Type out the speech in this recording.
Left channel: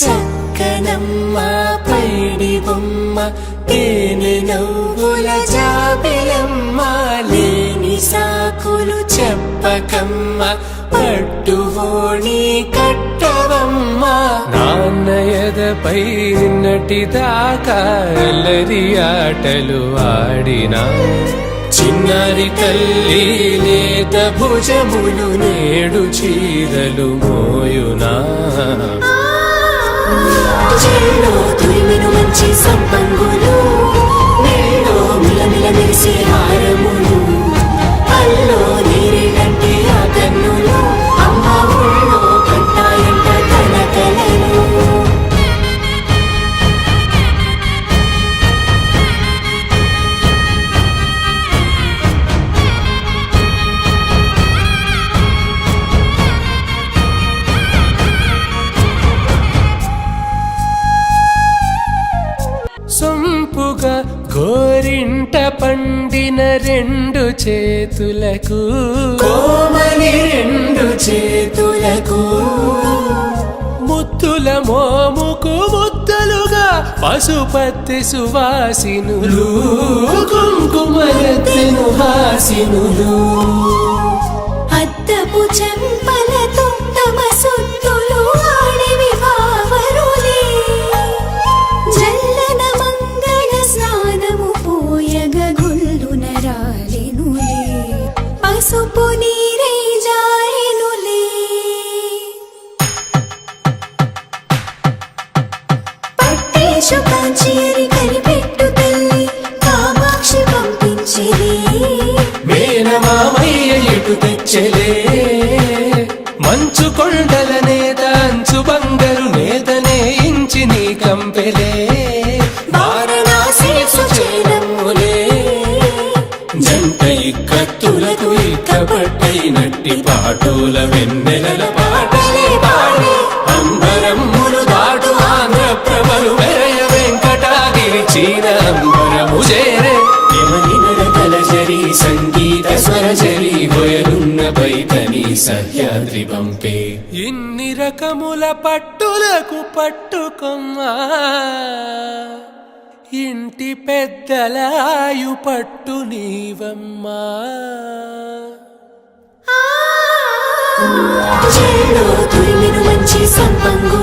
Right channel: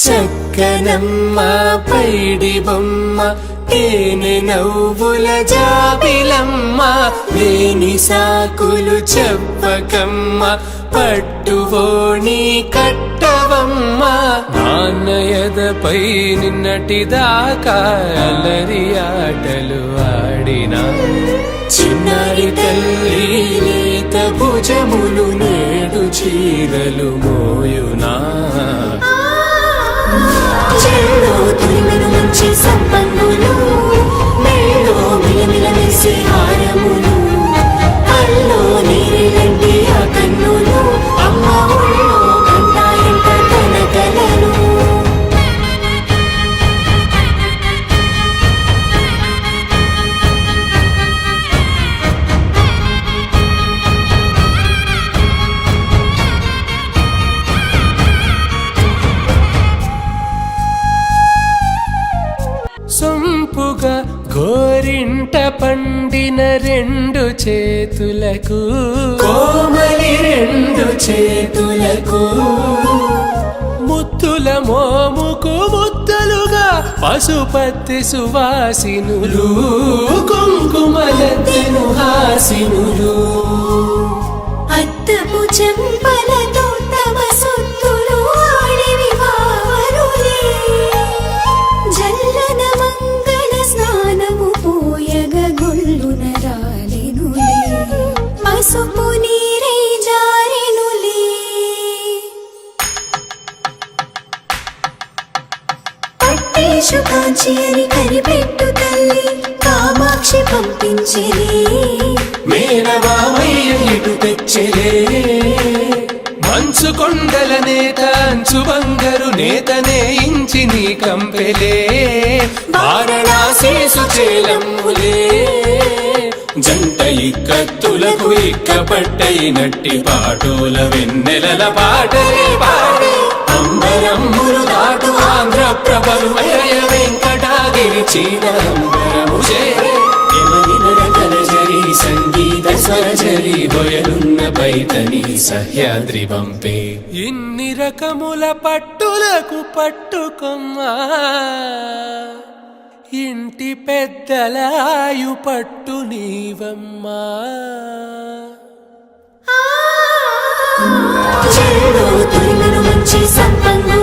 చక్కనమ్మ పైడి బొమ్మ తేనె నవ్వుల జాబిలమ్మ లేని సాకులు చెప్పకమ్మ పట్టువోణి కట్టవమ్మ నాన్నయదపై నిన్నటిదాకా అల్లరి ఆటలు ఆడినా చిన్నారి తల్లి నేత భుజములు నేడు చీరలు మోయునా చెల్లో తురిమెను మంచి సంపంగులు మెల్లో మిలమిల మెరిసే హారములు అల్లో నేరేలంటే ఆ కన్నులు అమ్మ ఒళ్ళో కంటాయంట తన కలలు సొంపుగా గోరింట పండిన రెండు చేతులకు కోమలి రెండు చేతులకు ముద్దుల మోముకు ముద్దలుగా పశుపతి సువాసినులు కుంకుమలెత్తెను హాసినులు అద్దపు చెంపలతో తమ సొత్తులు ఆడివి భావరులే జల్లన మంగళ స్నానము పోయగ గొల్లున రాలినులే పసుపు నీరే జారినులే పట్టేశు కాంచి అని కనిపెట్టు తల్లి కామాక్షి పంపించేది మేనమామయ్య ఎటు తెచ్చలే మంచు కొండల నేత అంచు బంగారు నేతనే ఇంచి నీ కంపెలే వారణాసి సుచేలమ్ములే జంట ఇక్కత్తులకు ఇక్కపట్టయినట్టి పాటోల వెన్నెలల పాటలే పాడే అంబరమ్ములు దాటు ఆంధ్ర ప్రభలు వేయ వెంకటాగిరి చీర అంబరము చేరే యమని నడకల జరి సంగీత స్వరజరి హొయలున్న పైతని సహ్యాద్రి పంపే ఇన్ని రకముల పట్టులకు పట్టుకొమ్మా ఇంటి పెద్దలాయు పట్టు నీవమ్మా చెల్లో తురిమెను మంచి సంపంగు